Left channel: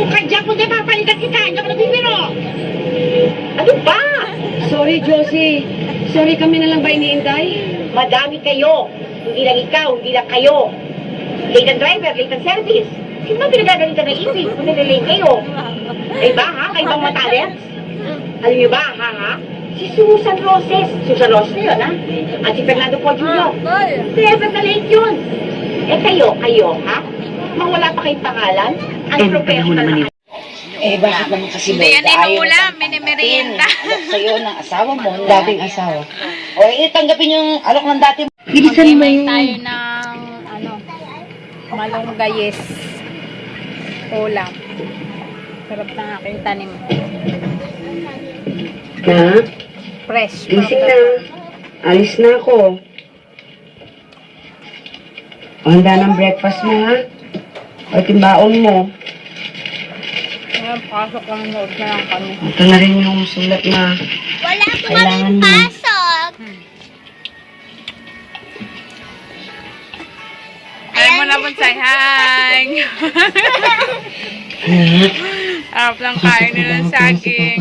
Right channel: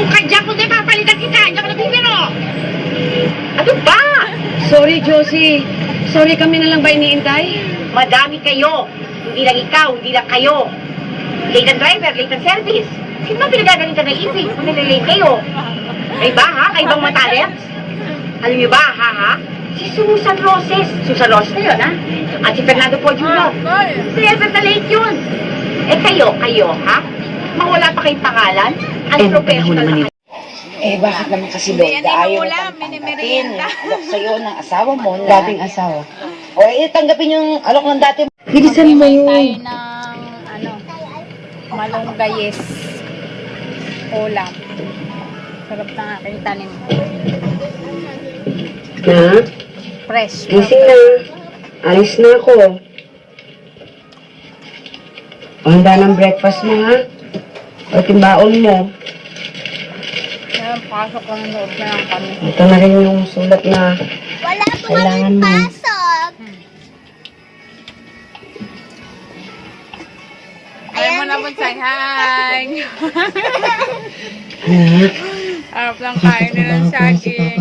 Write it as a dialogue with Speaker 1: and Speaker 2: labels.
Speaker 1: Kung kadya ko na papalitan kita, hindi ako nagbibiro. Ano ba?
Speaker 2: Sorry, Josie. Sorry kami na lang ba iniintay?
Speaker 1: Madami kayo. Hindi lang ikaw, hindi lang kayo. Late ang driver, late ang service. Sino ba pinagagalitan ng ibig kung nililate kayo? Ay ba ha? Ay bang matalents? Alam niyo ba, ha ha? Si Susan Roses. Susan Roses na yun, ha? At si Fernando Paul Jr. Never na late yun. Eh kayo, kayo, ha? Mawala pa kayong pangalan? Ang professional na
Speaker 3: Eh, bakit naman kasi
Speaker 4: Hindi
Speaker 3: Lord,
Speaker 4: yan
Speaker 3: ayaw
Speaker 4: inuulam,
Speaker 3: mo
Speaker 4: minimerienda.
Speaker 3: Alok sa'yo ng asawa mo. na-
Speaker 2: Dating asawa.
Speaker 3: O, eh, tanggapin yung alok ng dati.
Speaker 2: Bilisan mo
Speaker 4: Mag-imay tayo
Speaker 2: yun.
Speaker 4: ng ano, malunggayes. Ulam. Sarap ng aking tanim.
Speaker 2: Ha?
Speaker 4: Fresh. from
Speaker 2: Gising
Speaker 4: the
Speaker 2: na.
Speaker 4: farm.
Speaker 2: Alis na ako. O, handa ng breakfast mo, ha? O, timbaon mo.
Speaker 4: Ayan, pasok lang loob na lang kami.
Speaker 2: Ito na rin yung sulat na
Speaker 5: Wala po
Speaker 2: kailangan
Speaker 5: kaming
Speaker 2: mo.
Speaker 5: pasok.
Speaker 4: Ayaw mo na bonsai. Hi!
Speaker 2: Hmm.
Speaker 4: Harap lang kain nila ng saging.